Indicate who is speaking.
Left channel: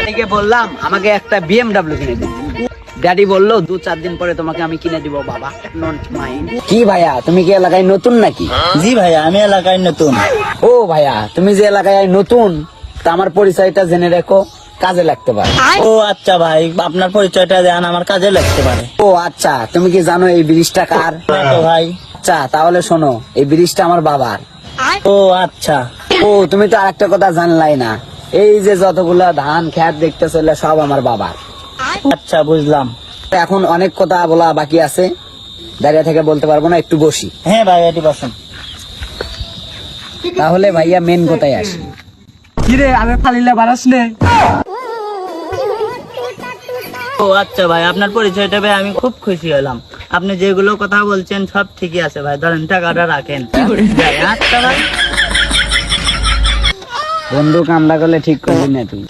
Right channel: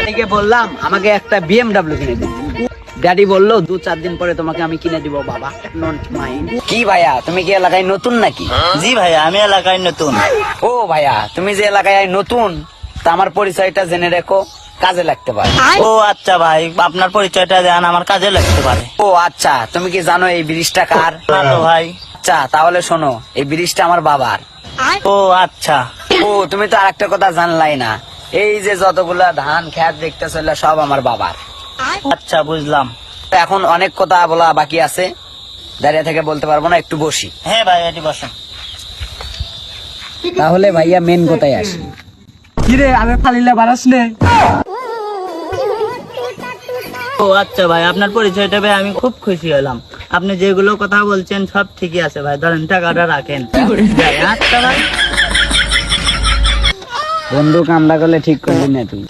Speaker 1: ড্যাডিকে বললাম আমাকে একটা বিএমডাব্লিউ কিনে দিন ড্যাডি বলল দু চার দিন পরে তোমাকে আমি কিনে দিব বাবা। নট মাইন্ড কি ভাইয়া তুমি কি এলাকায় নতুন নাকি?
Speaker 2: জি ভাইয়া আমি এলাকায় নতুন।
Speaker 1: ও ভাইয়া তুমি যে এলাকায় নতুন তা আমার পরিচয়টা জেনে রেখো কাজে লাগতে পারে।
Speaker 2: ও আচ্ছা ভাই আপনার পরিচয়টা দেন আমার কাজে লাগতে পারে।
Speaker 1: ও আচ্ছা তুমি কি জানো এই ব্রিজটা কার?
Speaker 2: ভাই।
Speaker 1: আচ্ছা তাহলে শোনো এই ব্রিজটা আমার বাবার।
Speaker 2: ও আচ্ছা।
Speaker 1: ও তুমি তো আরেকটা কথা জানলাই না। এই যে যতগুলা ধান খ্যাত দেখতে চলে সব আমার বাবার।
Speaker 2: আচ্ছা বুঝলাম।
Speaker 1: এখন অনেক কথা বলা বাকি আছে। দাঁড়িয়ে থেকে বলতে পারব না একটু বসি।
Speaker 2: হ্যাঁ ভাই এটি বসেন।
Speaker 1: তাহলে ভাইয়া মেন কোথায় আসি।
Speaker 3: কিরে আমি ফালিলে বারাস নে।
Speaker 2: ও আচ্ছা ভাই আপনার পরিচয়টা ভাই আমি খুব খুশি হলাম। আপনি যেগুলো কথা বলছেন সব ঠিকই আছে ভাই। ধরেন টাকাটা রাখেন। আচ্ছা ভাই।
Speaker 1: বন্ধু কামড়া করলে ঠিক করবি না তুই।